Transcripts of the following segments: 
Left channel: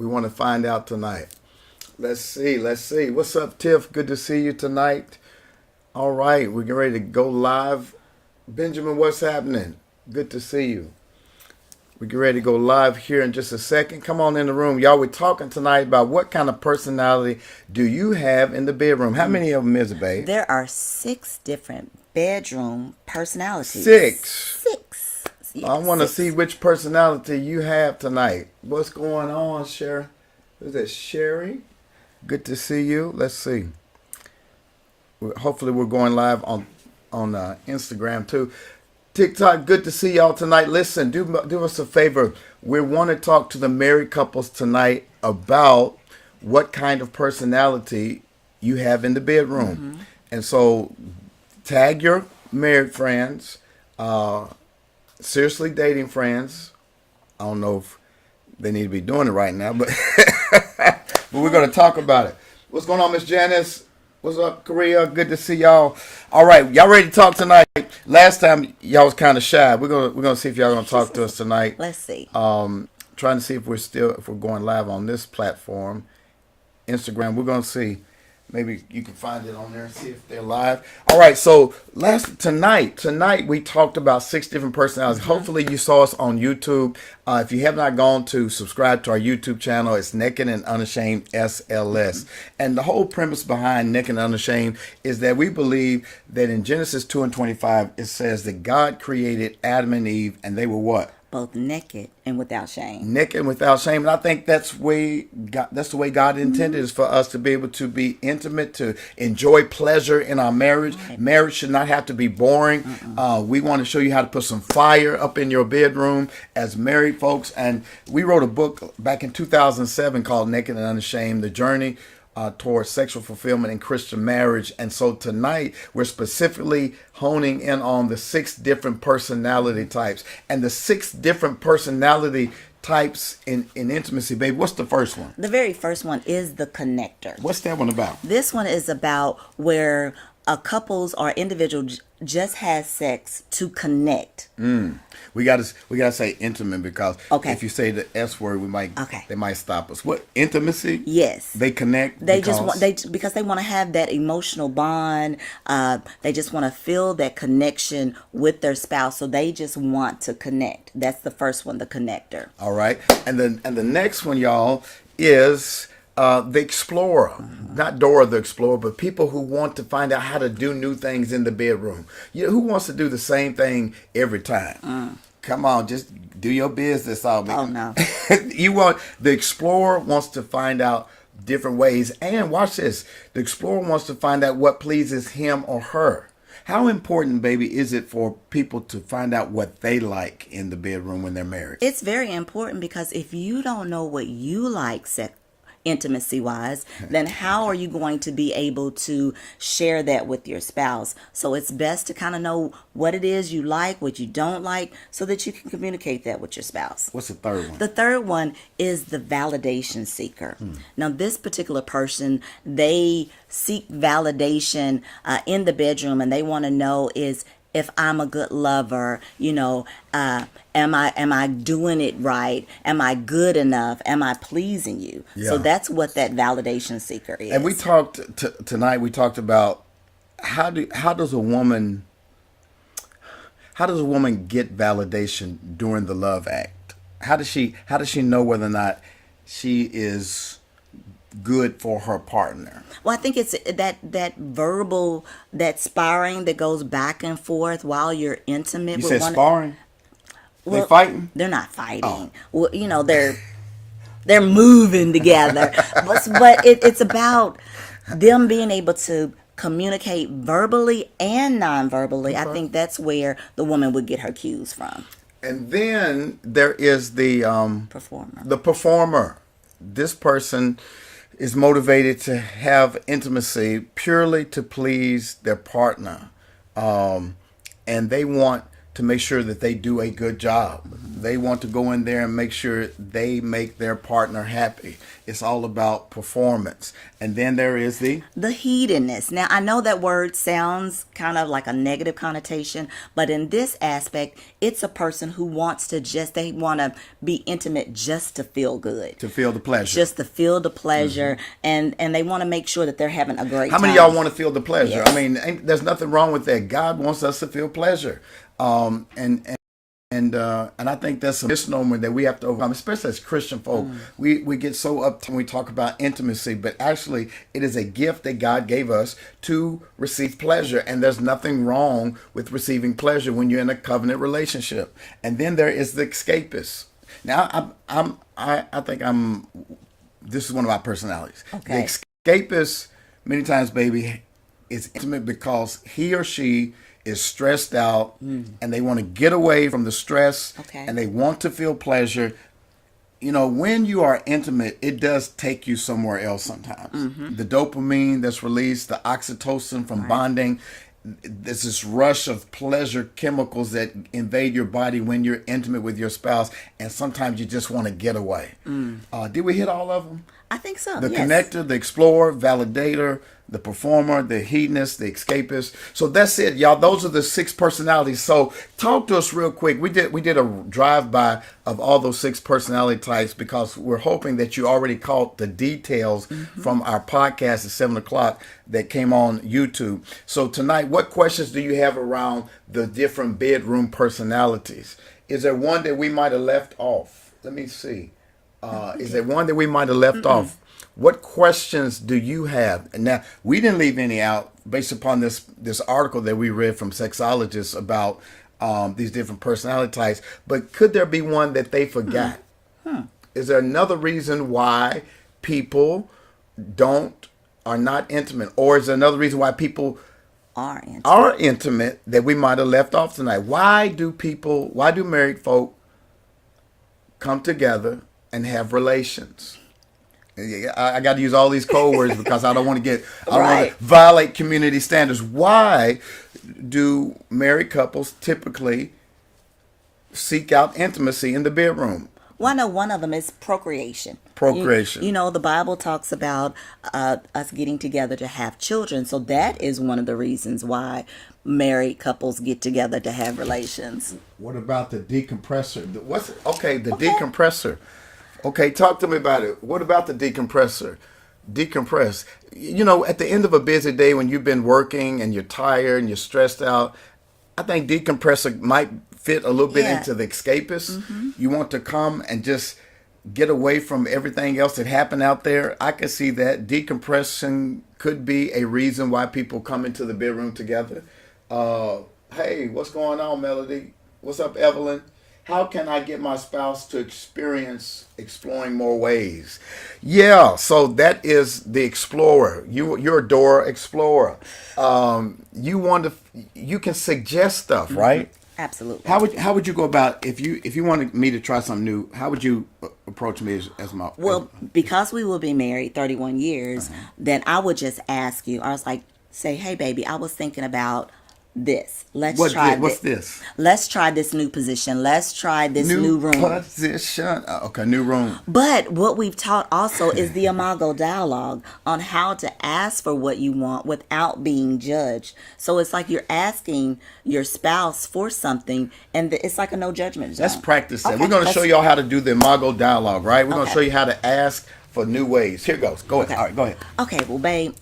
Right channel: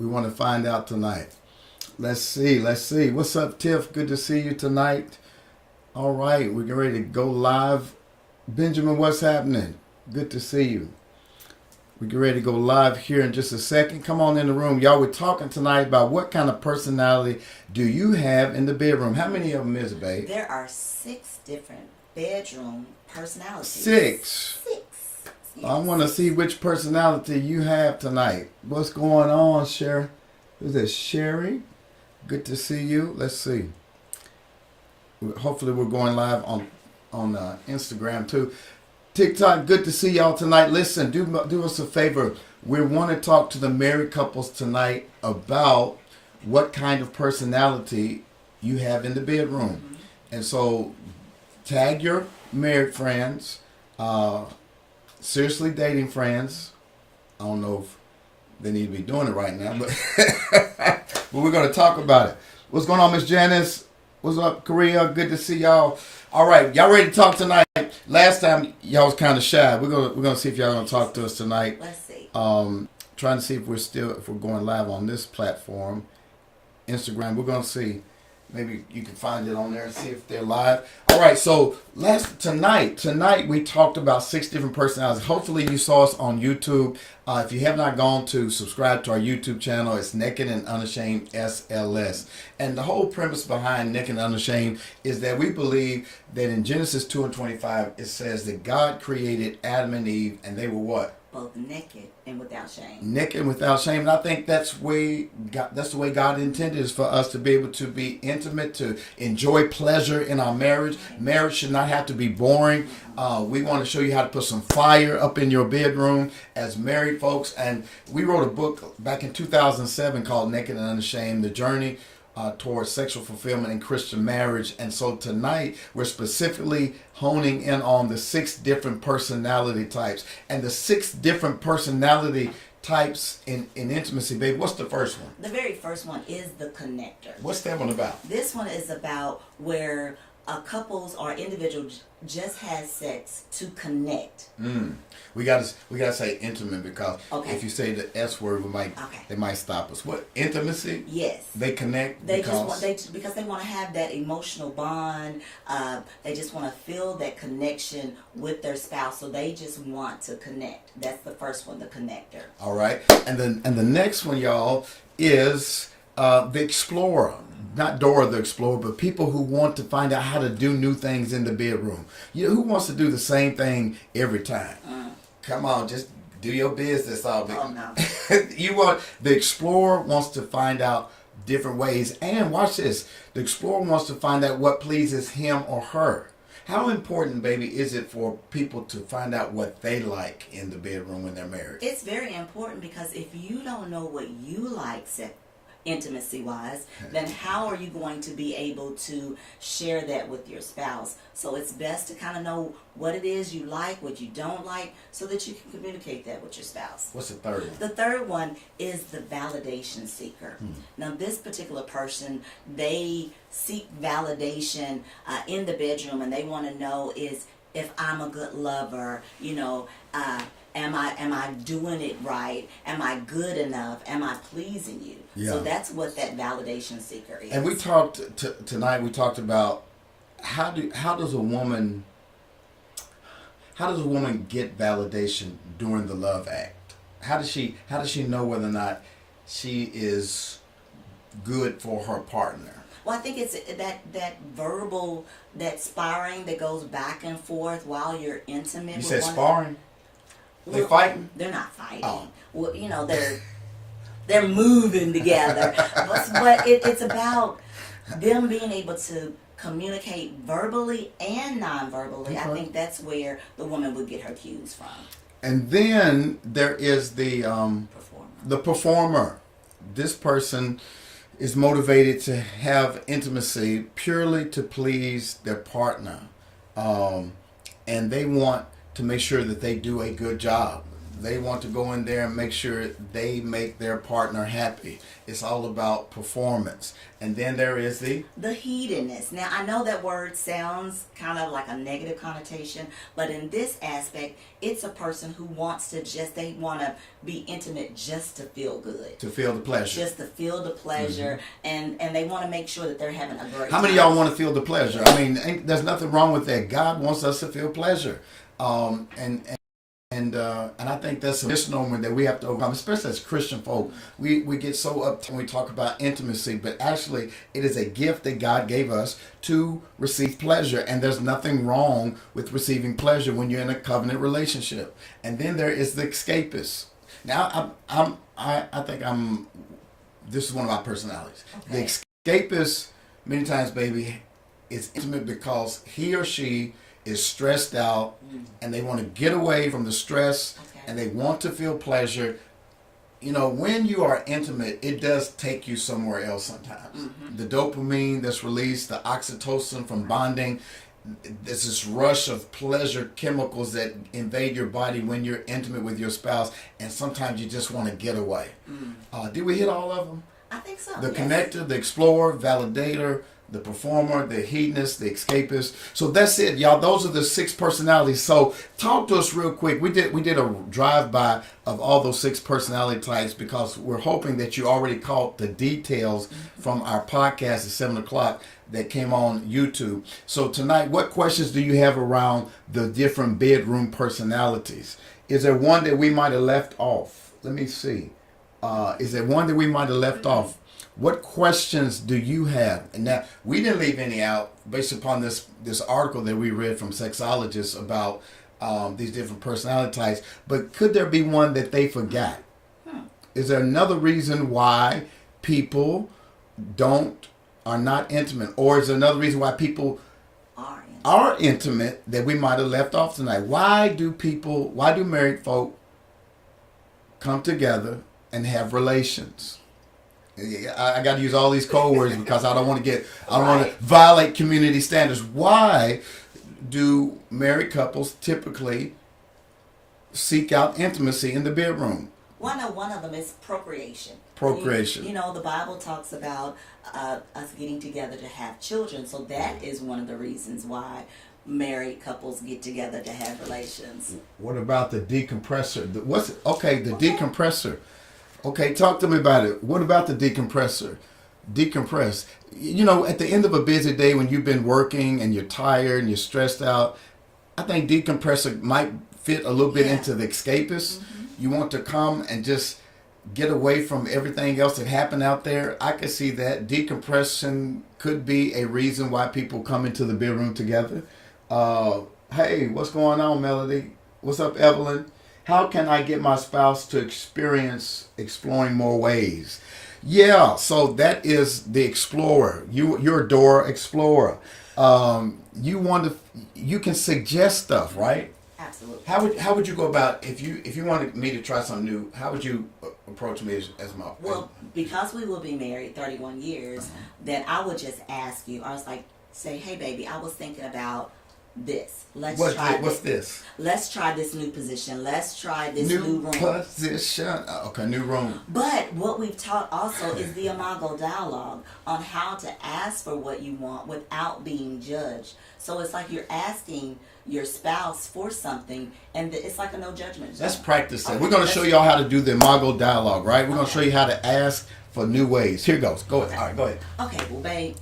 We want to find out tonight. Let's see. What's up, Tiff? Good to see you tonight. All right, we're getting ready to go live. Benjamin, what's happening? Good to see you. We get ready to go live here in just a second. Come on in the room. Y'all, we're talking tonight about what kind of personality do you have in the bedroom? How many of them is it, babe? There are 6 different bedroom personalities. 6. 6. Yes, I want to 6. see which personality you have tonight. What's going on, Sherry? Who's that, Sherry? Good to see you. Let's see. Hopefully we're going live on Instagram too. TikTok, good to see y'all tonight. Listen, do us a favor. We want to talk to the married couples tonight about what kind of personality you have in the bedroom. Mm-hmm. And so tag your married friends, seriously dating friends. I don't know if they need to be doing it right now, but, but we're going to talk about it. What's going on, Miss Janice? What's up, Korea? Good to see y'all. All right, y'all ready to talk tonight? Last time y'all was kind of shy. We're gonna see if y'all gonna talk to us tonight. Let's see. Trying to see if we're going live on this platform, Instagram. We're gonna see. Maybe you can find it on there and see if they're live. All right, so tonight we talked about 6 different personalities. Mm-hmm. Hopefully you saw us on YouTube. If you have not gone to subscribe to our YouTube channel, it's Naked and Unashamed SLS. Mm-hmm. And the whole premise behind Naked and Unashamed is that we believe that in Genesis 2:25 it says that God created Adam and Eve and they were what? Both naked and without shame. Naked and without shame. And I think that's the way God intended is for us to be able to be intimate, to enjoy pleasure in our marriage. Right. Marriage should not have to be boring. We want to show you how to put some fire up in your bedroom as married folks. And we wrote a book back in 2007 called Naked and Unashamed, The Journey towards Sexual Fulfillment in Christian Marriage. And so tonight we're specifically honing in on the 6 different personality types. And the 6 different personality types in intimacy, babe. What's the first one? The very first one is the connector. What's that one about? This one is about where a couples or individual just has sex to connect. We gotta say intimate because if you say the S word, they might stop us. What, intimacy? Yes. They connect. Because they want to have that emotional bond. They just want to feel that connection with their spouse. So they just want to connect. That's the first one, the connector. All right, and the next one, y'all, is the explorer. Not Dora the Explorer, but people who want to find out how to do new things in the bedroom. Who wants to do the same thing every time? Come on, just do your business. Oh, no. The explorer wants to find out different ways. And watch this. The explorer wants to find out what pleases him or her. How important, baby, is it for people to find out what they like in the bedroom when they're married? It's very important because if you don't know what you like intimacy wise, then how are you going to be able to share that with your spouse? So it's best to kind of know what it is you like, what you don't like, so that you can communicate that with your spouse. What's the third one? The third one is the validation seeker. Now, this particular person, they seek validation in the bedroom, and they want to know is if I'm a good lover, am I doing it right? Am I good enough? Am I pleasing you? Yeah. So that's what that validation seeker is. And we talked tonight. We talked about how does a woman get validation during the love act? How does she know whether or not she is good for her partner? Well, I think it's that verbal, that sparring that goes back and forth while you're intimate. You said sparring? Well, they're fighting? They're not fighting. Oh. Well, they're moving together. but it's about them being able to communicate verbally and non-verbally. I think that's where the woman would get her cues from. And then there is the performer. The performer. This person is motivated to have intimacy purely to please their partner. And they want to make sure that they do a good job. They want to go in there and make sure they make their partner happy. It's all about performance. And then there is the hedonist. Now, I know that word sounds kind of like a negative connotation, but in this aspect, it's a person who wants to they want to be intimate just to feel good. to feel the pleasure. Just to feel the pleasure, and they want to make sure that they're having a great How time. many of y'all want to feel the pleasure? Yes. I mean, there's nothing wrong with that. God wants us to feel pleasure. And I think that's a misnomer that we have to overcome, especially as Christian folk. We get so up when we talk about intimacy, but actually it is a gift that God gave us to receive pleasure. And there's nothing wrong with receiving pleasure when you're in a covenant relationship. And then there is the escapist. Now, I think this is one of my personalities. Okay. The escapist, many times, baby, is intimate because he or she is stressed out and they want to get away from the stress and they want to feel pleasure. You know, when you are intimate, it does take you somewhere else sometimes. The dopamine that's released, the oxytocin from bonding, there's this rush of pleasure chemicals that invade your body when you're intimate with your spouse, and sometimes you just want to get away. Did we hit all of them? I think so. The yes. connector, the explorer, validator, the performer, the hedonist, the escapist. So that's it, y'all. Those are the 6 personalities. So talk to us real quick. We did a drive-by of all those 6 personality types because we're hoping that you already caught the details from our podcast at 7 o'clock that came on YouTube. So tonight, what questions do you have around the different bedroom personalities? Is there one that we might have left off? Let me see. Is there one that we might have left off? What questions do you have? And now, we didn't leave any out based upon this article that we read from sexologists about these different personality types. But could there be one that they forgot? Is there another reason why people are not intimate? Or is there another reason why people are intimate that we might have left off tonight? Why do married folk come together and have relations? I got to use all these code words because I don't want to violate community standards. Why do married couples typically seek out intimacy in the bedroom? Well, I know one of them is procreation. Procreation. You know, the Bible talks about us getting together to have children. So that is one of the reasons why married couples get together to have relations. What about the decompressor? Decompressor. Okay, talk to me about it. What about the decompressor? Decompress. You know, at the end of a busy day when you've been working and you're tired and you're stressed out, I think decompressor might fit a little bit into the escapist. You want to come and just get away from everything else that happened out there. I could see that. Decompression could be a reason why people come into the bedroom together. Hey, what's going on, Melody? What's up, Evelyn? How can I get my spouse to experience exploring more ways? Yeah, so that is the explorer. You're a door explorer. You can suggest stuff, right? Absolutely. How would you go about if you wanted me to try something new? How would you approach me as my? Well, because we will be married 31 years, then I would just ask you. I was like, say, hey, baby, I was thinking about this. Let's try what's this? Let's try this new position. Let's try this new room. Position. Okay, new room. But what we've taught also is the Imago dialogue on how to ask for what you want without being judged. So it's like you're asking your spouse for something, and it's like a no judgment zone. Let's practice that. Okay, We're going to show y'all how to do the Imago dialogue, right? We're going to show you how to ask for new ways. Here goes. Go ahead. All right, go ahead. Okay, well, babe,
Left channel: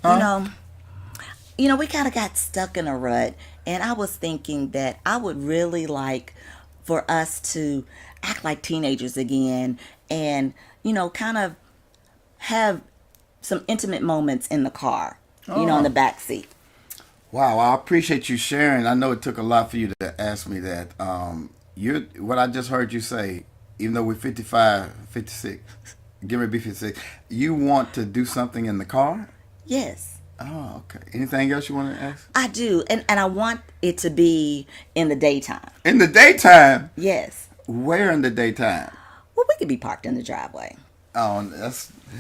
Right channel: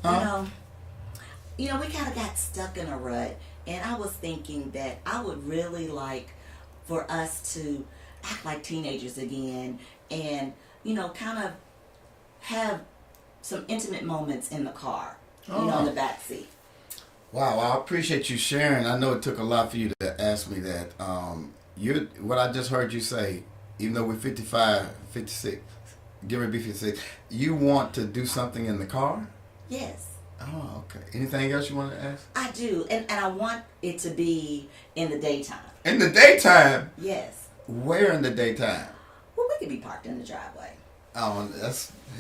you know, we kind of got stuck in a rut, and I was thinking that I would really like for us to act like teenagers again and, you know, kind of have some intimate moments in the car, in the back seat. Wow, I appreciate you sharing. I know it took a lot for you to ask me that. What I just heard you say, even though we're 55, 56, get ready to be 56, you want to do something in the car? Yes. Oh, okay. Anything else you want to ask? I do, and I want it to be in the daytime. In the daytime? Yes. Where in the daytime? Well, we could be parked in the driveway. Oh,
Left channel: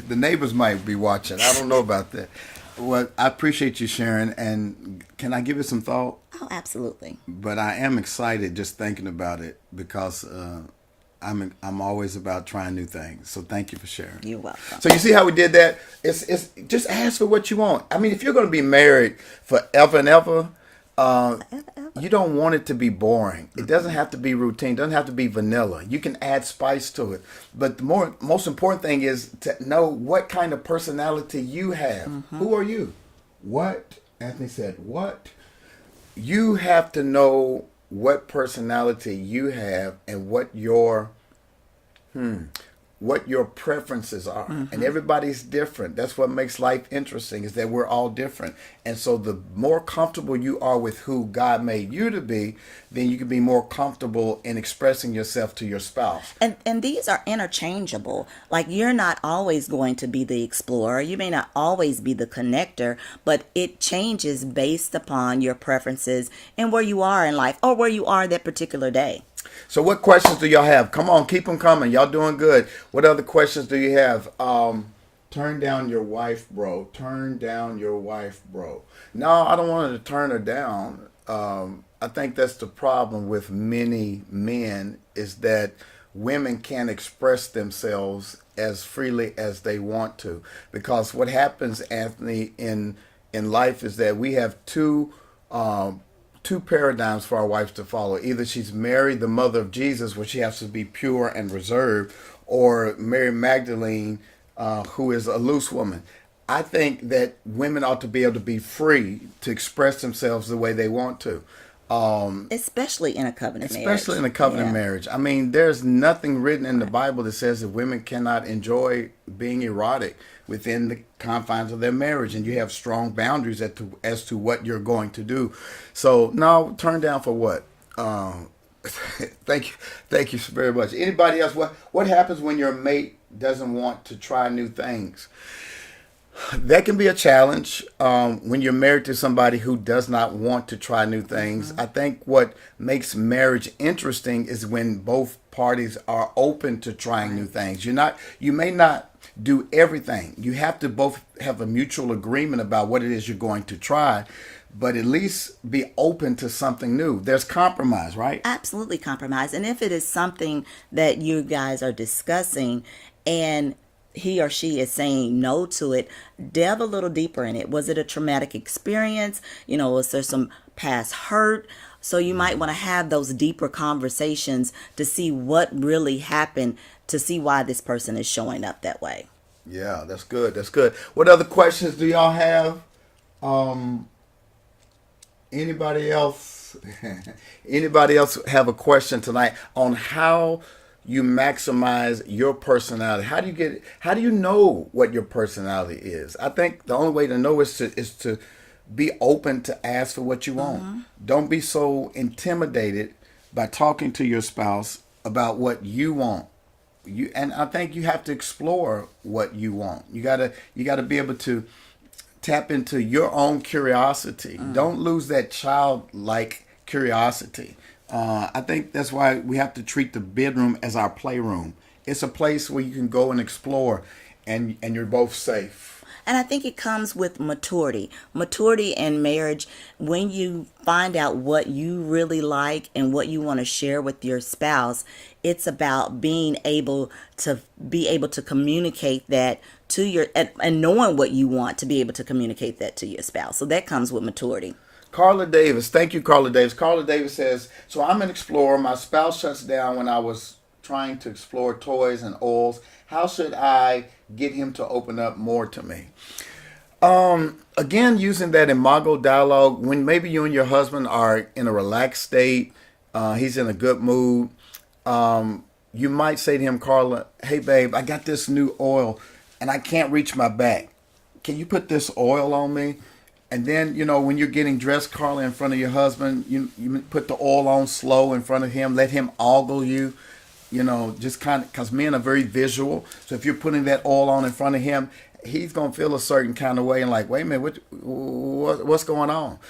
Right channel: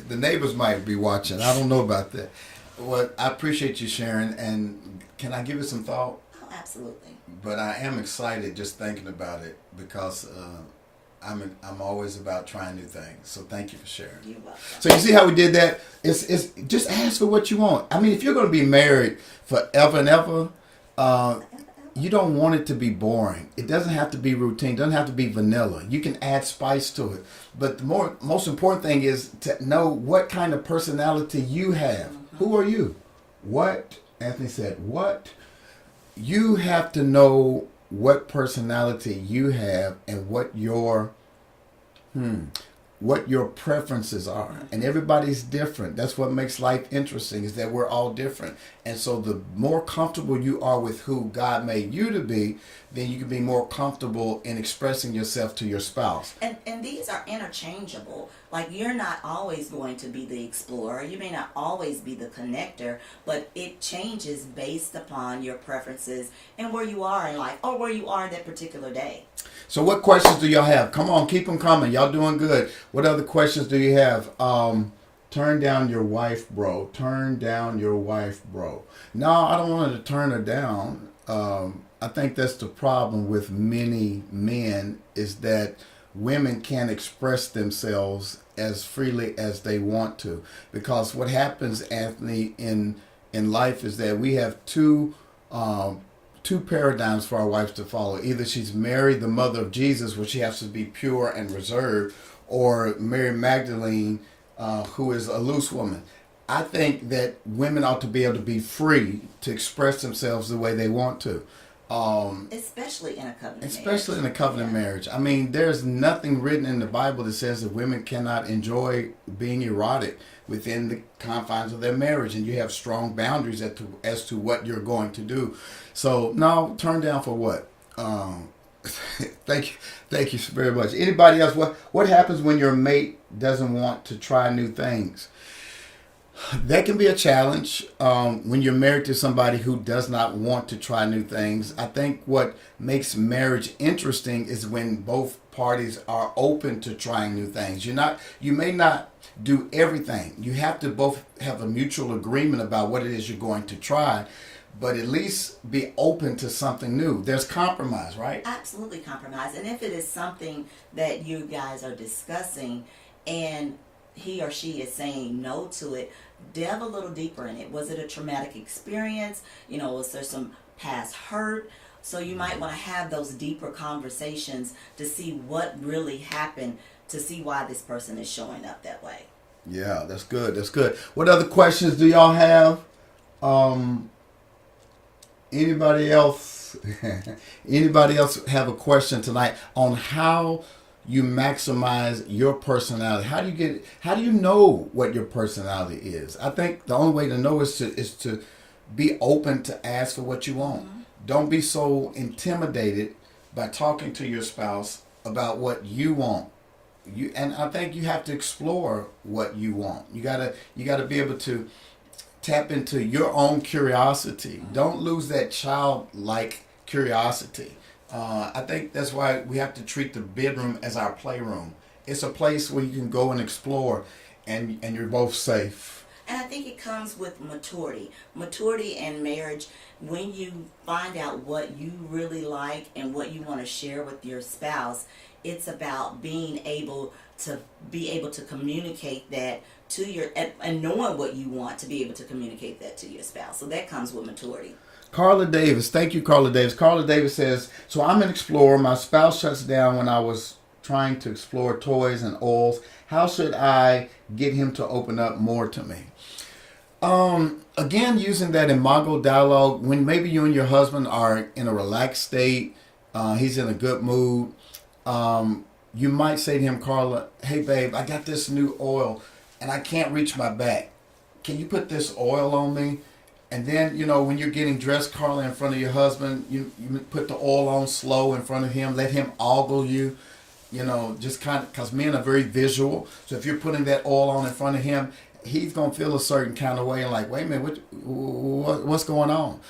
the neighbors might be watching. I don't know about that. Well, I appreciate you sharing, and can I give it some thought? Oh, absolutely. But I am excited just thinking about it because I'm always about trying new things. So thank you for sharing. You're welcome. So you see how we did that? It's just ask for what you want. I mean, if you're going to be married forever and ever, you don't want it to be boring. It doesn't have to be routine. It doesn't have to be vanilla. You can add spice to it. But the most important thing is to know what kind of personality you have. Who are you? What? Anthony said, what? You have to know what personality you have and what your preferences are. And everybody's different. That's what makes life interesting, is that we're all different. And so the more comfortable you are with who God made you to be, then you can be more comfortable in expressing yourself to your spouse. And these are interchangeable. Like, you're not always going to be the explorer. You may not always be the connector, but it changes based upon your preferences and where you are in life or where you are that particular day. So what questions do y'all have? Come on, keep them coming. Y'all doing good. What other questions do you have? Turn down your wife, bro. Turn down your wife, bro. No, I don't want to turn her down. I think that's the problem with many men, is that women can't express themselves as freely as they want to. Because what happens, Anthony, in life is that we have two paradigms for our wives to follow. Either she's Mary, the mother of Jesus, where she has to be pure and reserved, or Mary Magdalene, who is a loose woman. I think that women ought to be able to be free to express themselves the way they want to. Especially in a covenant marriage. Especially in a covenant marriage. I mean, there's nothing written in the Bible that says that women cannot enjoy being erotic within the confines of their marriage, and you have strong boundaries as to what you're going to do. So now, turn down for what? Thank you very much. Anybody else? What happens when your mate doesn't want to try new things? That can be a challenge when you're married to somebody who does not want to try new things. I think what makes marriage interesting is when both parties are open to trying new things. You may not do everything. You have to both have a mutual agreement about what it is you're going to try, but at least be open to something new. There's compromise, right? Absolutely compromise. And if it is something that you guys are discussing and he or she is saying no to it, delve a little deeper in it. Was it a traumatic experience? Was there some past hurt? So you might want to have those deeper conversations to see what really happened, to see why this person is showing up that way. Yeah, that's good. That's good. What other questions do y'all have? Anybody else? Anybody else have a question tonight on how you maximize your personality? How do you know what your personality is? I think the only way to know is to be open to ask for what you want. Don't be so intimidated by talking to your spouse about what you want. And I think you have to explore what you want. You gotta be able to tap into your own curiosity. Don't lose that childlike curiosity. I think that's why we have to treat the bedroom as our playroom. It's a place where you can go and explore, and you're both safe. And I think it comes with maturity. Maturity in marriage, when you find out what you really like and what you want to share with your spouse, it's about being able to communicate that to your, and knowing what you want to be able to communicate that to your spouse. So that comes with maturity. Carla Davis, thank you, Carla Davis. Carla Davis says, so I'm an explorer. My spouse shuts down when I was trying to explore toys and oils. How should I get him to open up more to me? Again, using that imago dialogue, when maybe you and your husband are in a relaxed state, he's in a good mood, you might say to him, Carla, hey babe, I got this new oil and I can't reach my back. Can you put this oil on me? And then, when you're getting dressed, Carla, in front of your husband, you put the oil on slow in front of him, let him ogle you, just kind of, because men are very visual. So if you're putting that oil on in front of him, he's going to feel a certain kind of way and like, wait a minute, what's going on?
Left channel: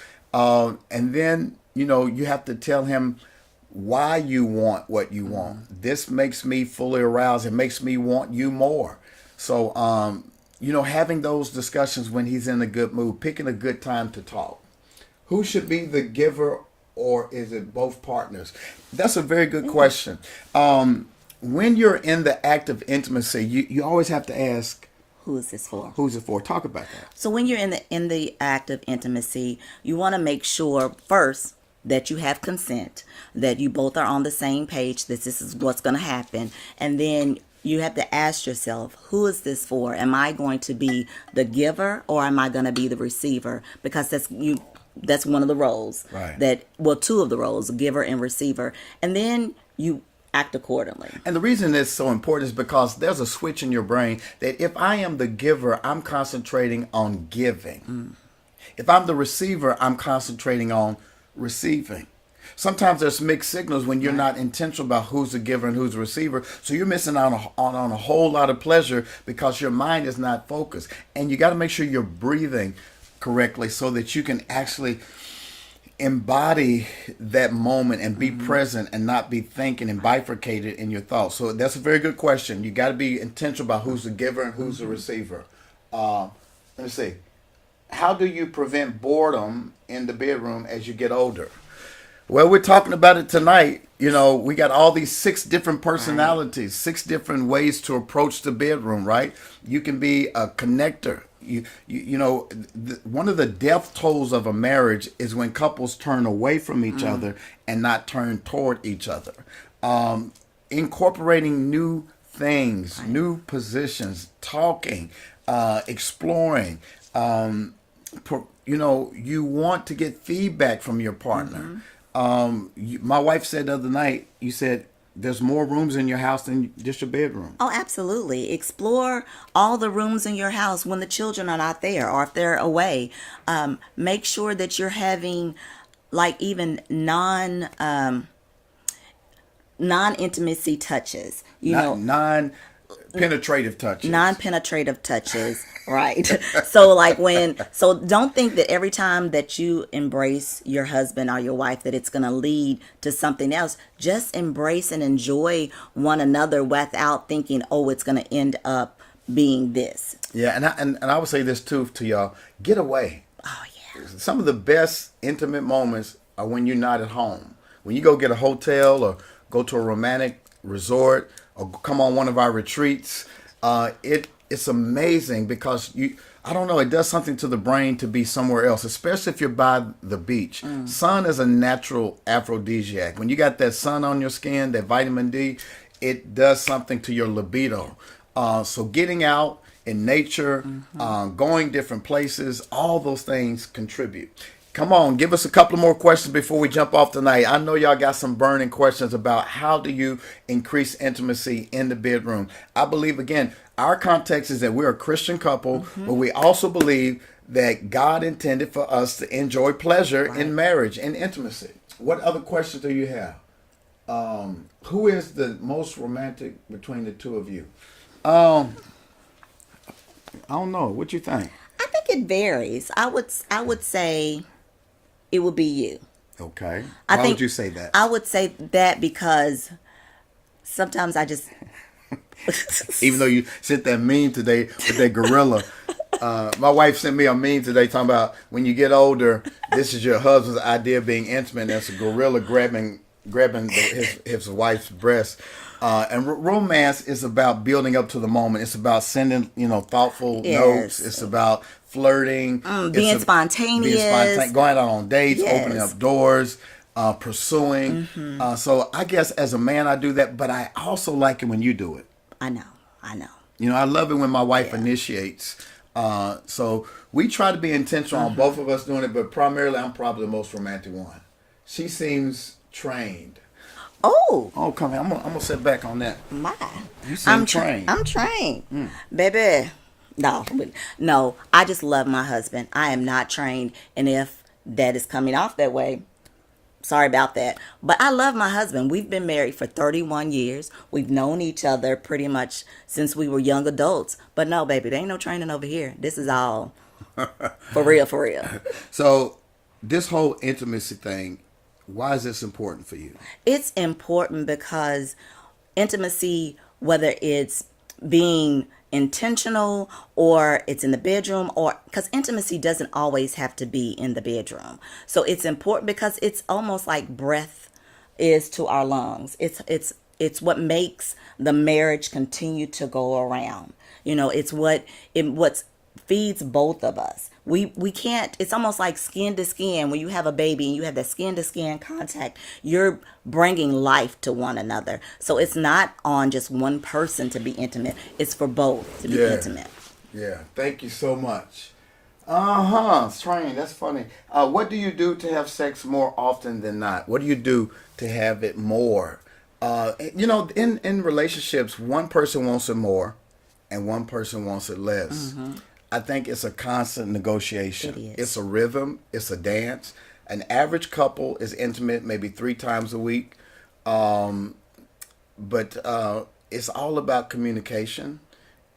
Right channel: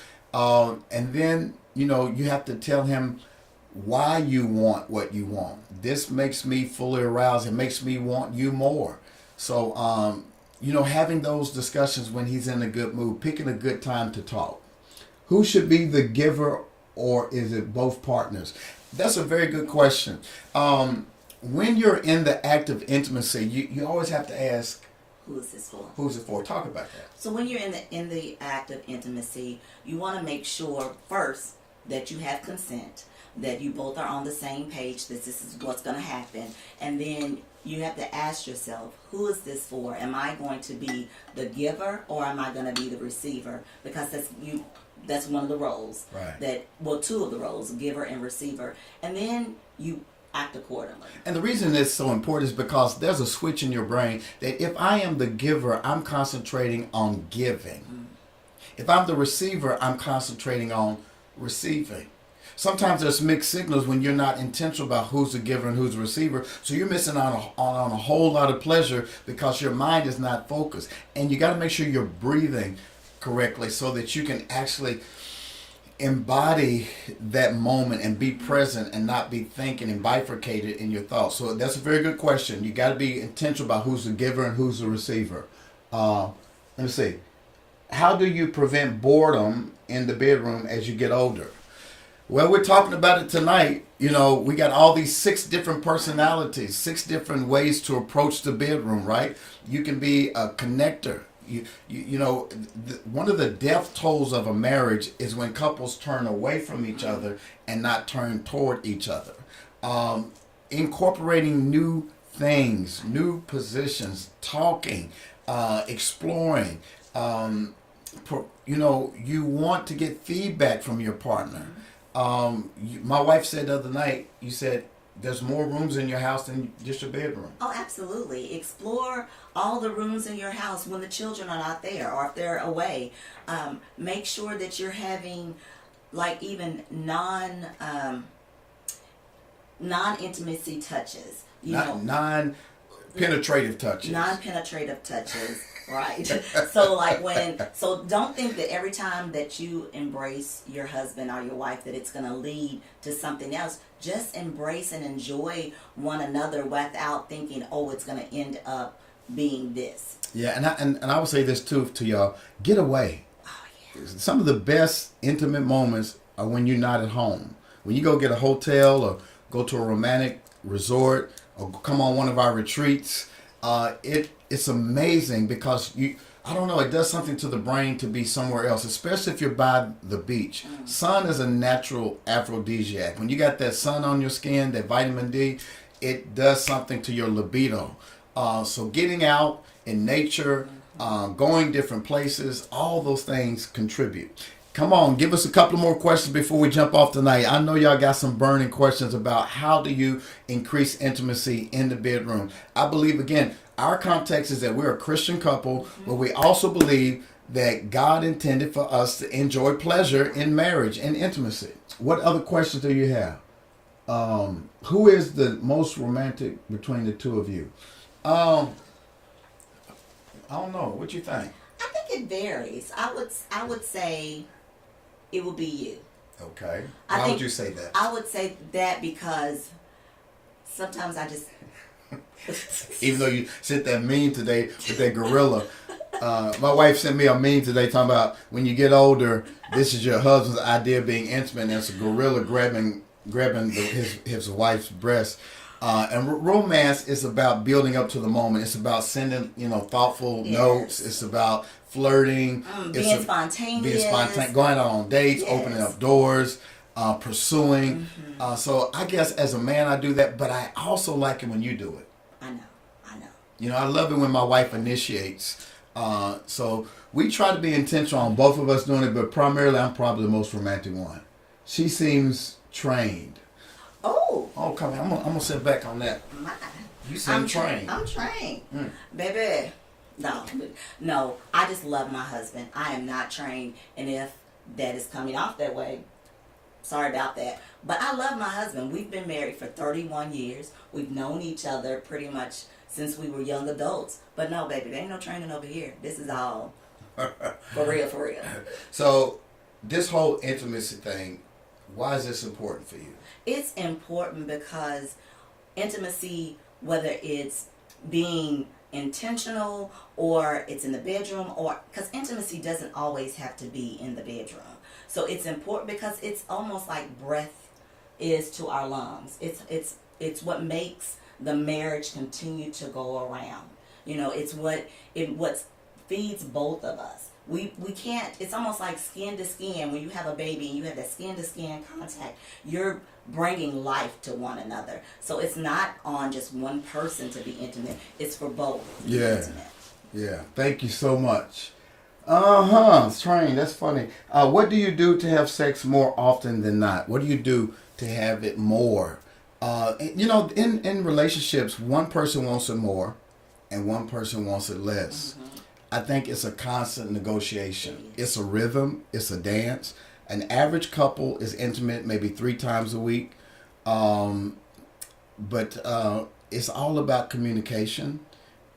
And then, you have to tell him why you want what you want. This makes me fully aroused. It makes me want you more. So, having those discussions when he's in a good mood, picking a good time to talk. Who should be the giver, or is it both partners? That's a very good question. when you're in the act of intimacy, you always have to ask, Who is this for? who's it for? Talk about that. So when you're in the act of intimacy, you want to make sure first that you have consent, that you both are on the same page, that this is what's going to happen, and then you have to ask yourself, who is this for? Am I going to be the giver or am I going to be the receiver? Because that's one of the roles. Right. Two of the roles, giver and receiver. And then you act accordingly. And the reason it's so important is because there's a switch in your brain that if I am the giver, I'm concentrating on giving. If I'm the receiver, I'm concentrating on receiving. Sometimes there's mixed signals when you're not intentional about who's the giver and who's the receiver. So you're missing out on a whole lot of pleasure because your mind is not focused. And you got to make sure you're breathing correctly so that you can actually embody that moment and be present and not be thinking and bifurcated in your thoughts. So that's a very good question. You got to be intentional about Who's the giver and who's the receiver? Let's see. How do you prevent boredom in the bedroom as you get older? Well, we're talking about it tonight. You know, we got all these 6 different personalities, 6 different ways to approach the bedroom, right? You can be a connector. One of the death tolls of a marriage is when couples turn away from each other and not turn toward each other. Incorporating new things, new positions, talking, exploring. You want to get feedback from your partner. My wife said the other night, you said, there's more rooms in your house than just your bedroom. Oh, absolutely. Explore all the rooms in your house when the children are not there or if they're away. Make sure that you're having like even non-intimacy touches. Non-penetrative touches. Non-penetrative touches. Right. So don't think that every time that you embrace your husband or your wife that it's going to lead to something else. Just embrace and enjoy one another without thinking, oh, it's going to end up being this. Yeah, and I would say this too to y'all. Get away. Oh, yeah. Some of the best intimate moments are when you're not at home. When you go get a hotel or go to a romantic resort or come on one of our retreats, it's amazing because it does something to the brain to be somewhere else, especially if you're by the beach. Sun is a natural aphrodisiac. When you got that sun on your skin, that vitamin D, it does something to your libido. So getting out in nature, going different places, all those things contribute. Come on, give us a couple more questions before we jump off tonight. I know y'all got some burning questions about how do you increase intimacy in the bedroom. I believe, again, our context is that we're a Christian couple, but we also believe that God intended for us to enjoy pleasure in marriage and intimacy. What other questions do you have? Who is the most romantic between the two of you? I don't know. What you think? I think it varies. I would say it would be you. Okay. Why would you say that? I would say that because sometimes I just... Even though you sent that meme today with that gorilla. My wife sent me a meme today talking about when you get older, this is your husband's idea of being intimate. That's a gorilla grabbing his wife's breast. And romance is about building up to the moment. It's about sending, thoughtful notes. It's about flirting. Being spontaneous. Going out on dates, opening up doors, pursuing. Mm-hmm. So I guess as a man I do that, but I also like it when you do it. I know. I love it when my wife initiates. So we try to be intentional on Both of us doing it, but primarily I'm probably the most romantic one. She seems trained. Oh, come on. I'm gonna sit back on that. my. You said trained. I'm trained. Baby. No, I just love my husband. I am not trained. And if that is coming off that way, sorry about that. But I love my husband. We've been married for 31 years. We've known each other pretty much since we were young adults. But no, baby, there ain't no training over here. This is all for real. So this whole intimacy thing, why is this important for you? It's important because intimacy, whether it's being intentional or it's in the bedroom, or because intimacy doesn't always have to be in the bedroom. So it's important because it's almost like breath is to our lungs. It's what makes the marriage continue to go around. You know, it's what feeds both of us. We can't, it's almost like skin to skin. When you have a baby and you have that skin to skin contact, you're bringing life to one another. So it's not on just one person to be intimate. It's for both to be intimate. Yeah, thank you so much. Train, that's funny. What do you do to have sex more often than not? What do you do to have it more? You know, in relationships, one person wants it more and one person wants it less. I think it's a constant negotiation. It is. It's a rhythm. It's a dance. An average couple is intimate maybe 3 times a week. But it's all about communication.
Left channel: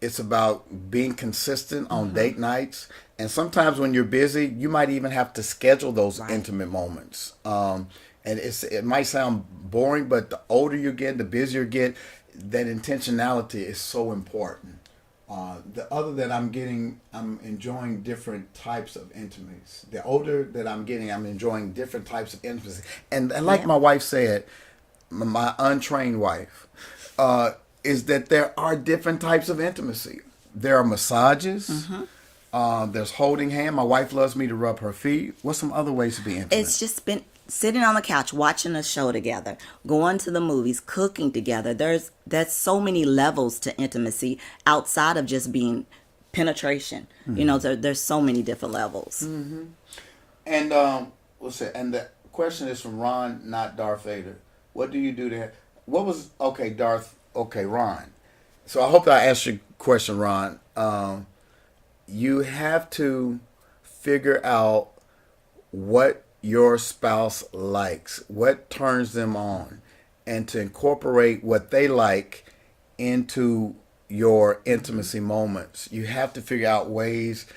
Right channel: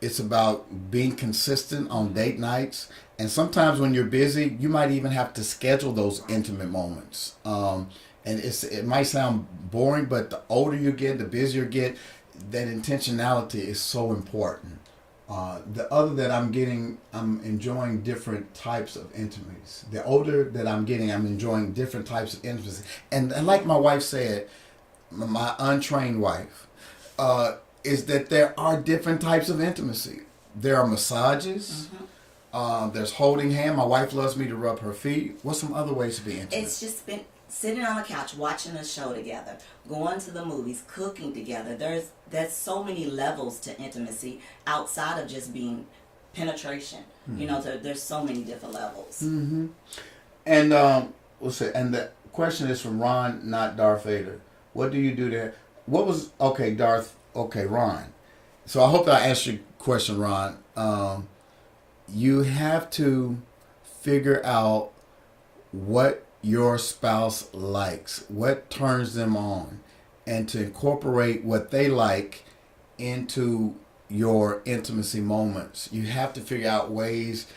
It's about being consistent on date nights. And sometimes when you're busy, you might even have to schedule those intimate moments. And it might sound boring, but the older you get, the busier you get, that intentionality is so important. The other that I'm enjoying different types of intimacies. The older that I'm getting, I'm enjoying different types of intimacy. And like my wife said, my untrained wife, is that there are different types of intimacy. There are massages. There's holding hand. My wife loves me to rub her feet. What's some other ways to be intimate? It's just been sitting on the couch, watching a show together, going to the movies, cooking together. There's so many levels to intimacy outside of just being penetration. You know, there's so many different levels. And what's it? And the question is from Ron, not Darth Vader. What do you do there? What was Ron? So I hope I answered your question, Ron. You have to figure out what your spouse likes, what turns them on, and to incorporate what they like into your intimacy moments. You have to figure out ways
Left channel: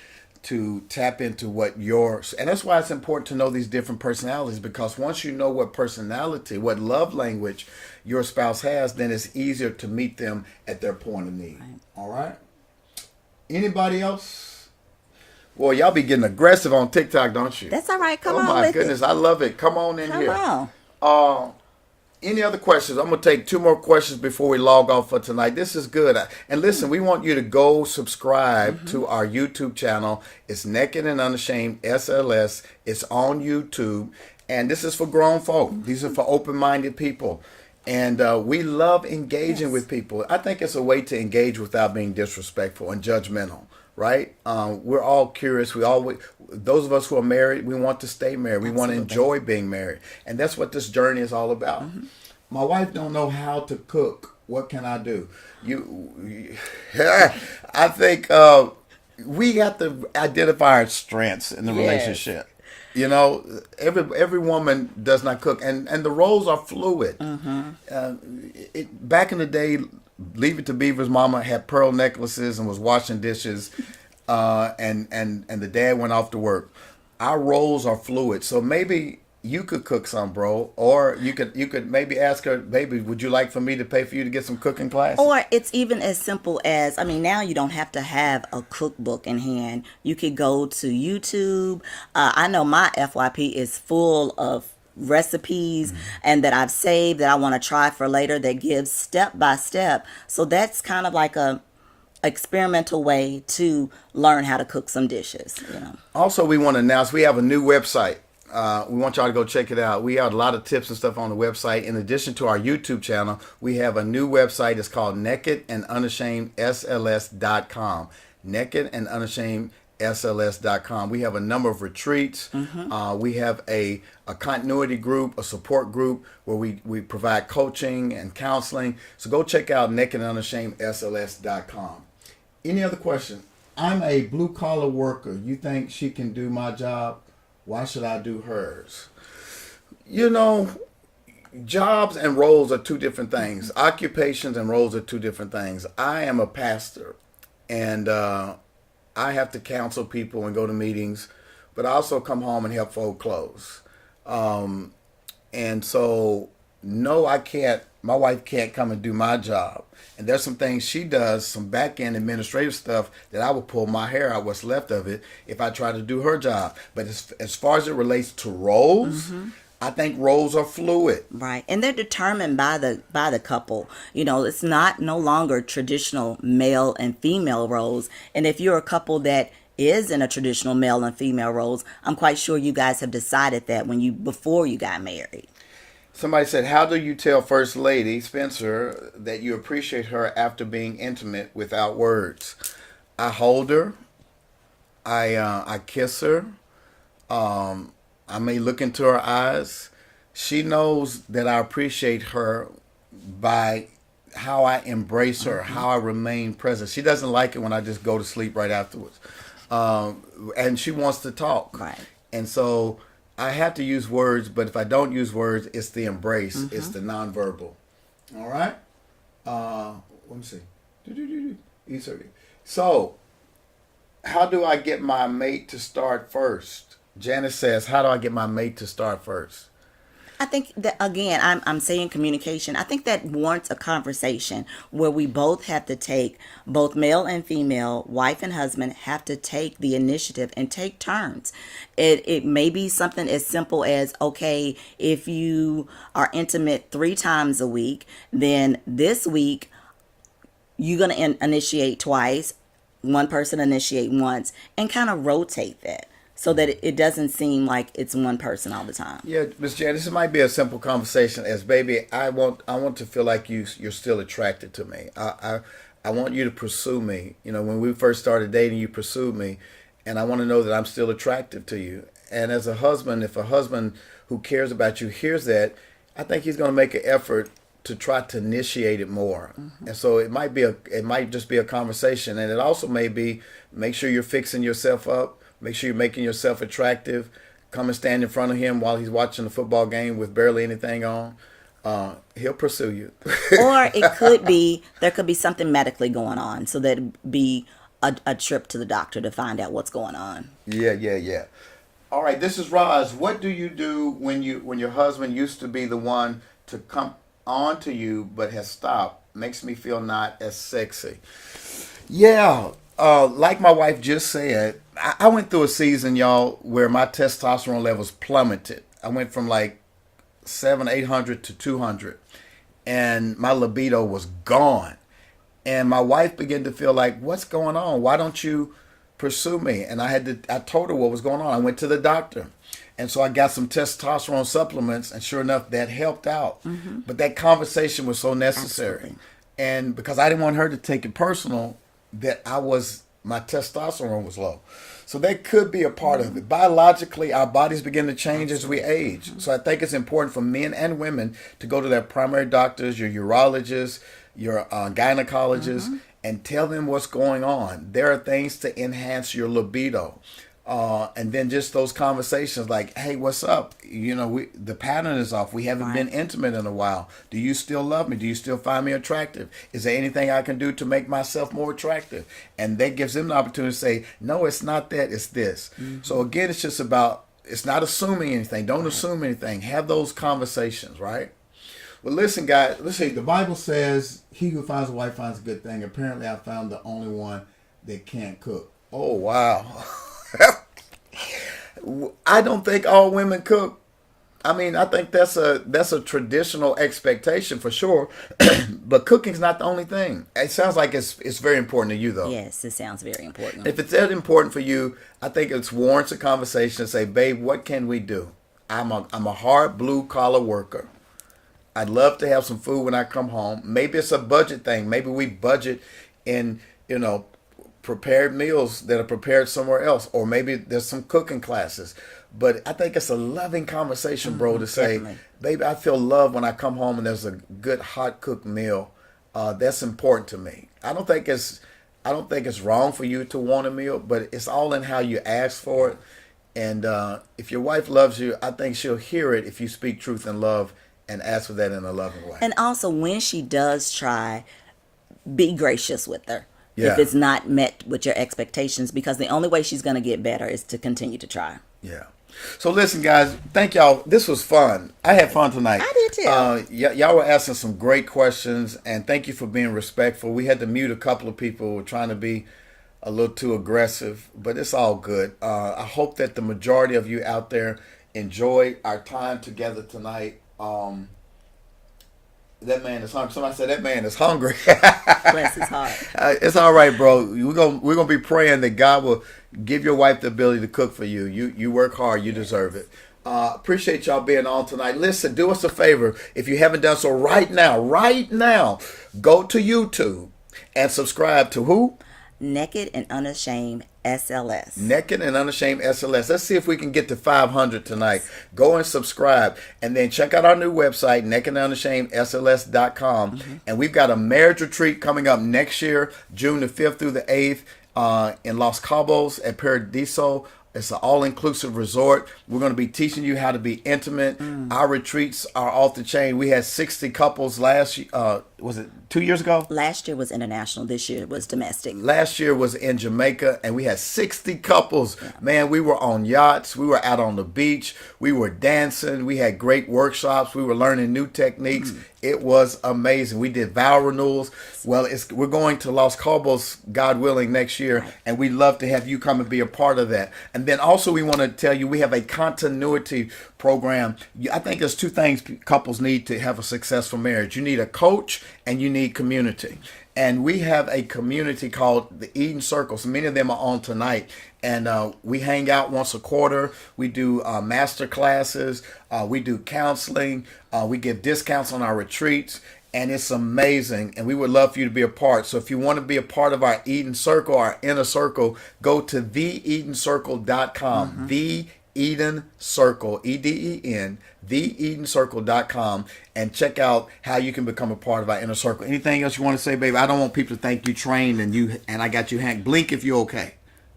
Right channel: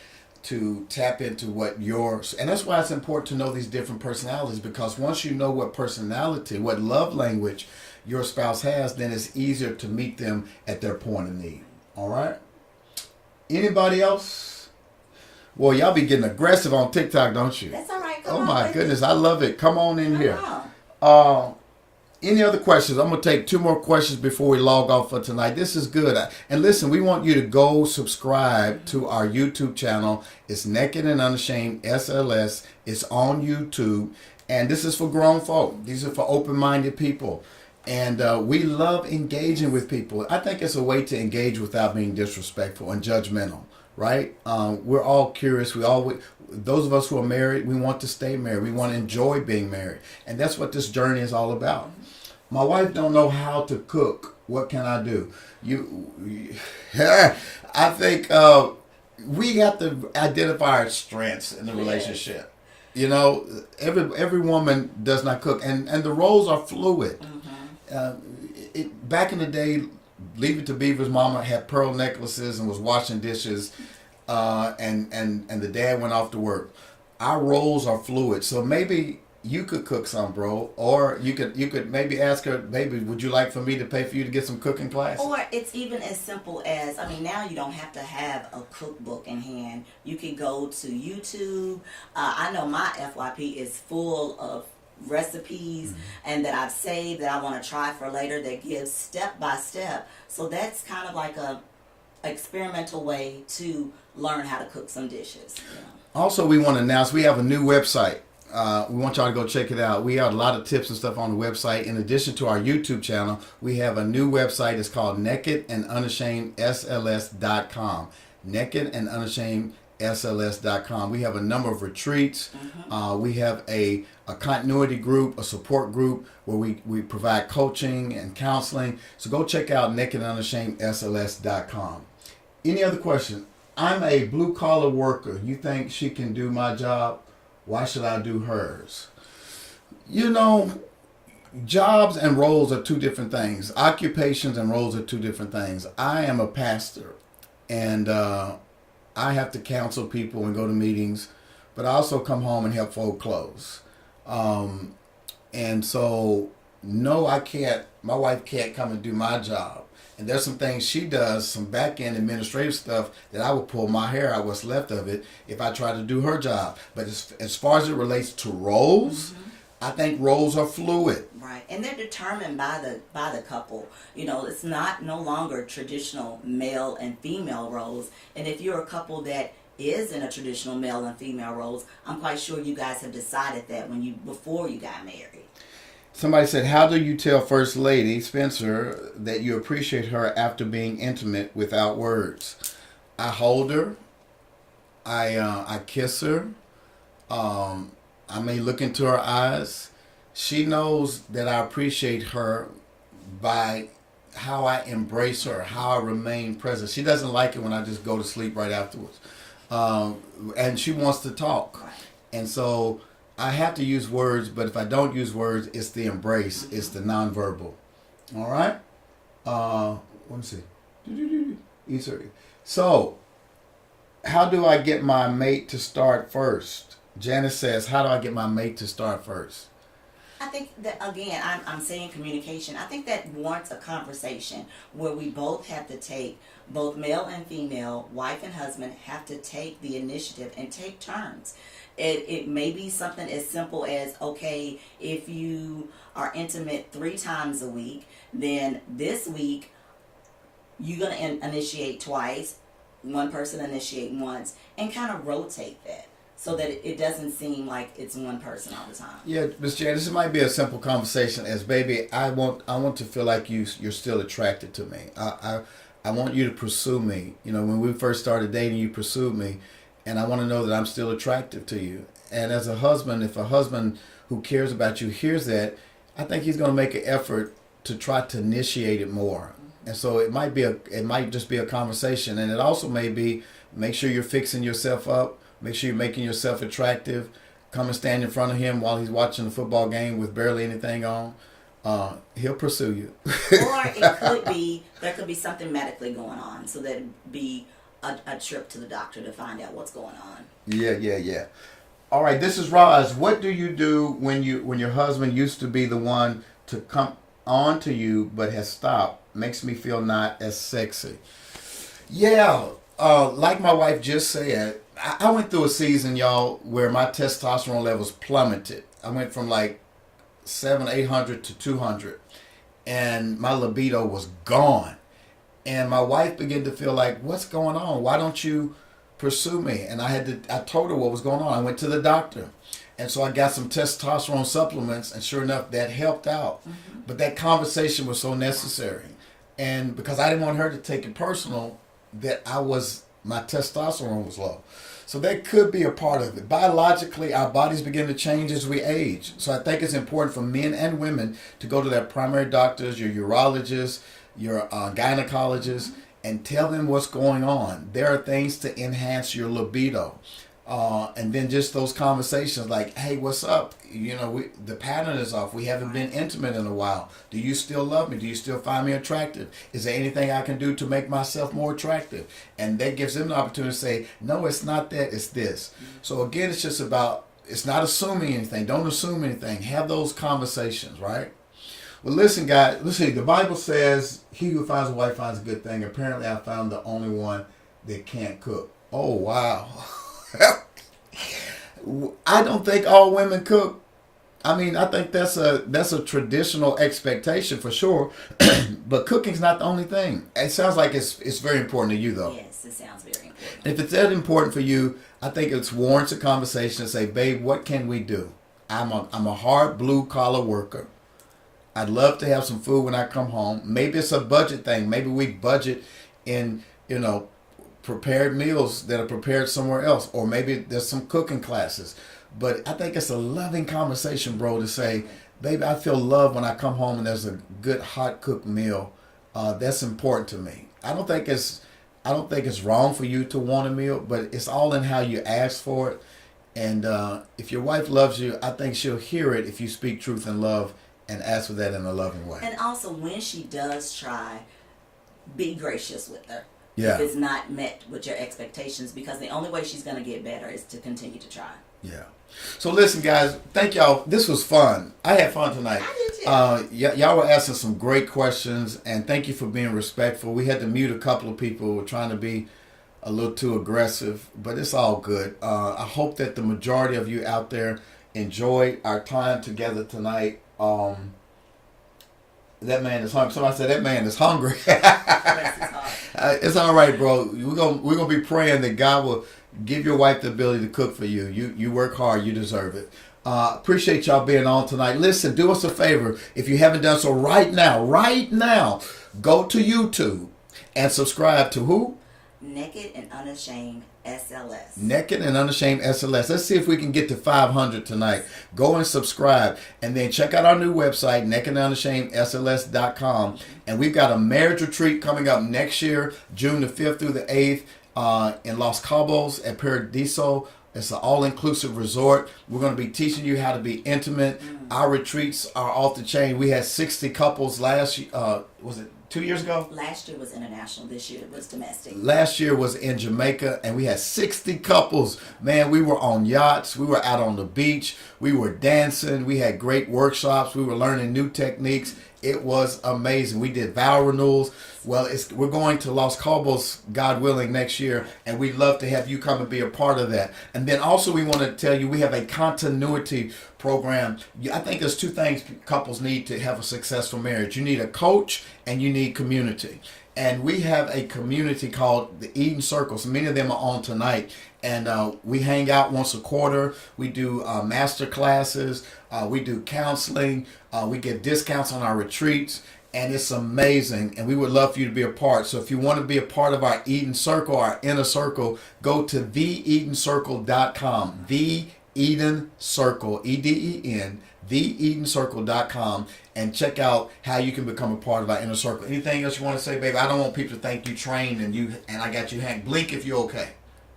to tap into what yours, and that's why it's important to know these different personalities, because once you know what personality, what love language your spouse has, then it's easier to meet them at their point of need. All right? Anybody else? Boy, y'all be getting aggressive on TikTok, don't you? That's all right. Come oh on my with goodness, it. I love it. Come on in Come here. on. Any other questions? I'm going to take 2 more questions before we log off for tonight. This is good. And listen, we want you to go subscribe to our YouTube channel. It's Naked and Unashamed SLS. It's on YouTube. And this is for grown folk. These are for open-minded people. And we love engaging with people. I think it's a way to engage without being disrespectful and judgmental, right? We're all curious. Those of us who are married, we want to stay married. We want to enjoy being married. And that's what this journey is all about. My wife don't know how to cook. What can I do? I think we got to identify our strengths in the relationship. You know, every woman does not cook. And the roles are fluid. Back in the day, Leave It to Beaver's mama had pearl necklaces and was washing dishes. And the dad went off to work. Our roles are fluid, so maybe you could cook some, bro, or you could maybe ask her, baby, would you like for me to pay for you to get some cooking classes? Or it's even as simple as, I mean, now you don't have to have a cookbook in hand. You could go to YouTube. I know my FYP is full of recipes and that I've saved that I want to try for later that gives step by step. So that's kind of like a experimental way to learn how to cook some dishes, you know. Also, we want to announce we have a new website. We want y'all to go check it out. We have a lot of tips and stuff on the website. In addition to our YouTube channel, we have a new website. It's called nakedandunashamedSLS.com. nakedandunashamedSLS.com. We have a number of retreats. We have a continuity group, a support group where we provide coaching and counseling. So go check out nakedandunashamedSLS.com. Any other question? I'm a blue collar worker. You think she can do my job? Why should I do hers? You know, jobs and roles are 2 different things. Occupations and roles are 2 different things. I am a pastor, and I have to counsel people and go to meetings, but I also come home and help fold clothes. And so, no, I can't. My wife can't come and do my job. And there's some things she does, some back-end administrative stuff that I would pull my hair out, what's left of it, if I try to do her job. But as far as it relates to roles, I think roles are fluid. Right. And they're determined by the couple. You know, it's not no longer traditional male and female roles. And if you're a couple that is in a traditional male and female roles, I'm quite sure you guys have decided that before you got married. Somebody said, how do you tell First Lady Spencer that you appreciate her after being intimate without words? I hold her. I kiss her. I may look into her eyes. She knows that I appreciate her by how I embrace her, how I remain present. She doesn't like it when I just go to sleep right afterwards. And she wants to talk. Right. And so I have to use words, but if I don't use words, it's the embrace, it's the nonverbal. All right? Let me see. E30. So, how do I get my mate to start first? Janice says, how do I get my mate to start first? I think that, again, I'm saying communication. I think that warrants a conversation where we both have to take, both male and female, wife and husband, have to take the initiative and take turns. It may be something as simple as, okay, if you are intimate 3 times a week, then this week you're going to initiate twice, one person initiate once, and kind of rotate that, so that it doesn't seem like it's one person all the time. Yeah, Ms. Jerry, this might be a simple conversation as, baby, I want to feel like you're still attracted to me. I want you to pursue me. You know, when we first started dating, you pursued me, and I want to know that I'm still attractive to you. And as a husband, if a husband who cares about you hears that, I think he's going to make an effort to try to initiate it more. And so it might just be a conversation, and it also may be, make sure you're fixing yourself up. Make sure you're making yourself attractive. Come and stand in front of him while he's watching the football game with barely anything on. He'll pursue you. Or it could be, there could be something medically going on, so that it'd be a trip to the doctor to find out what's going on. Yeah. All right, this is Roz. What do you do when your husband used to be the one to come on to you but has stopped? Makes me feel not as sexy. Yeah. Like my wife just said, I went through a season, y'all, where my testosterone levels plummeted. I went from like 800 to 200, and my libido was gone. And my wife began to feel like, what's going on? Why don't you pursue me? And I told her what was going on. I went to the doctor. And so I got some testosterone supplements, and sure enough, that helped out. But that conversation was so necessary. Absolutely. And because I didn't want her to take it personal, that my testosterone was low. So that could be a part of it. Biologically, our bodies begin to change as we age. So I think it's important for men and women to go to their primary doctors, your urologists, your gynecologists, and tell them what's going on. There are things to enhance your libido. And then just those conversations like, hey, what's up? You know, the pattern is off. We haven't been intimate in a while. Do you still love me? Do you still find me attractive? Is there anything I can do to make myself more attractive? And that gives them the opportunity to say, no, it's not that, it's this. So again, it's just about, it's not assuming anything. Don't assume anything. Have those conversations, right? Well, listen, guys. Let's see. The Bible says, "He who finds a wife finds a good thing." Apparently, I found the only one that can't cook. Oh, wow. I don't think all women cook. I mean, I think that's a traditional expectation for sure. But cooking's not the only thing. It sounds like it's very important to you, though. Yes, it sounds very important. If it's that important for you, I think it warrants a conversation to say, babe, what can we do? I'm a hard blue collar worker. I'd love to have some food when I come home. Maybe it's a budget thing. Maybe we budget in, prepared meals that are prepared somewhere else. Or maybe there's some cooking classes. But I think it's a loving conversation, bro, to say, Definitely. baby, I feel love when I come home and there's a good hot cooked meal. That's important to me. I don't think it's wrong for you to want a meal, but it's all in how you ask for it. And if your wife loves you, I think she'll hear it if you speak truth and love and ask for that in a loving way. And also, when she does try, be gracious with her. Yeah. If it's not met with your expectations, because the only way she's going to get better is to continue to try. Yeah. So listen, guys, thank y'all. This was fun. I had fun tonight. I did too. Y'all were asking some great questions, and thank you for being respectful. We had to mute a couple of people who were trying to be a little too aggressive, but it's all good. I hope that the majority of you out there enjoyed our time together tonight. That man is hungry. Somebody said that man is hungry. Bless his heart. It's all right, bro. We're gonna be praying that God will give your wife the ability to cook for you. You work hard. You deserve it. Appreciate y'all being on tonight. Listen, do us a favor. If you haven't done so right now, go to YouTube and subscribe to who? Naked and Unashamed SLS. Naked and Unashamed SLS. Let's see if we can get to 500 tonight. Go and subscribe. And then check out our new website, nakedandunashamedSLS.com. And we've got a marriage retreat coming up next year, June the 5th through the 8th, in Los Cabos at Paradiso. It's an all-inclusive resort. We're going to be teaching you how to be intimate. Our retreats are off the chain. We had 60 couples last, was it 2 years ago? Last year was international. This year was domestic. Last year was in Jamaica, and we had 60 couples. Yeah. Man, we were on yachts. We were out on the beach. We were dancing. We had great workshops. We were learning new techniques. It was amazing. We did vow renewals. Well, we're going to Los Cabos, God willing, next year, and we'd love to have you come and be a part of that. And then also we want to tell you we have a continuity program. I think there's two things couples need to have a successful marriage. You need a coach and you need community. And we have a community called the Eden Circles. Many of them are on tonight. And we hang out once a quarter. We do master classes. We do counseling. We give discounts on our retreats. And it's amazing. And we would love for you to be a part. So if you want to be a part of our Eden Circle, our inner circle, go to theedencircle.com. The Eden Circle, EDEN, theedencircle.com, and check out how you can become a part of our inner circle. Anything else you want to say, baby? I don't want people to think you trained and I got you hang. Blink if you're okay.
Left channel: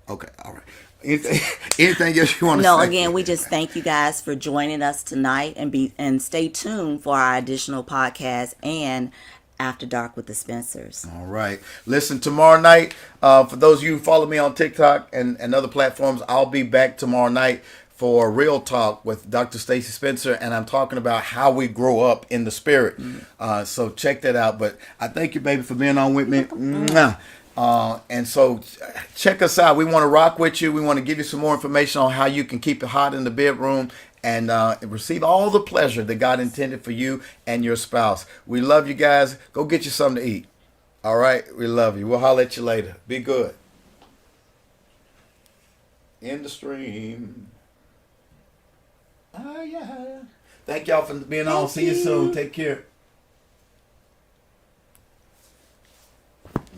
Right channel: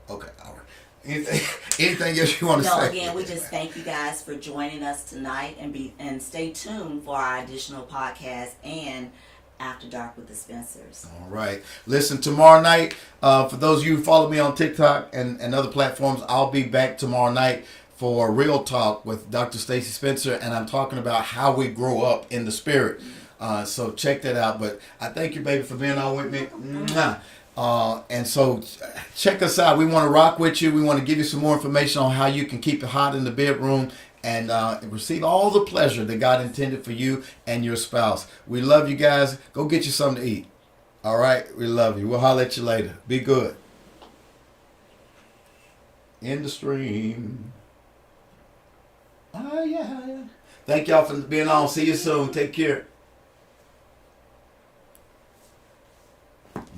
Okay, all right. Anything else you want to say? No, again, we just thank you guys for joining us tonight, and stay tuned for our additional podcast and After Dark with the Spencers. All right. Listen, tomorrow night, for those of you who follow me on TikTok and other platforms, I'll be back tomorrow night for Real Talk with Dr. Stacy Spencer, and I'm talking about how we grow up in the spirit. So check that out. But I thank you, baby, for being on with me. And so check us out. We want to rock with you. We want to give you some more information on how you can keep it hot in the bedroom and receive all the pleasure that God intended for you and your spouse. We love you guys. Go get you something to eat. All right? We love you. We'll holler at you later. Be good. In the stream. Yeah. Thank y'all for being on. See you soon. Take care.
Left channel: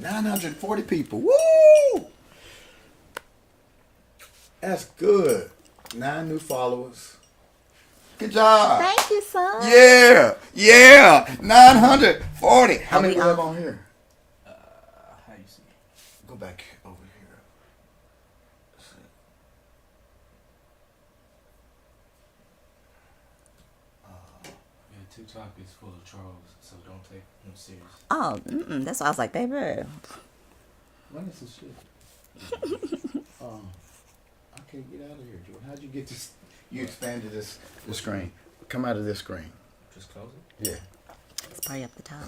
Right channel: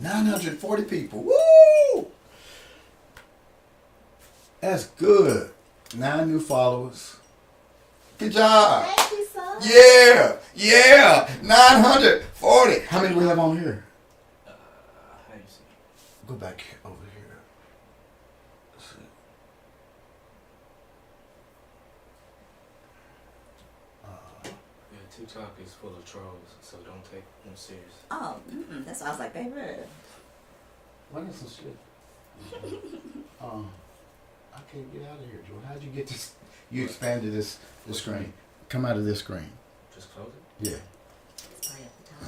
940 people. Woo! That's good. 9 new followers. Good job. Thank you, son. Yeah. 940. How many we have on here? How you see? Go back over here. Let's see. Yeah, TikTok is full of trolls, so don't take them serious. Oh, that's why I was like, baby. Look at some shit. I can't get out of here, Jordan. How'd you get this? You expanded this screen. Come out of this screen. Just close it. Yeah. It's probably up the top.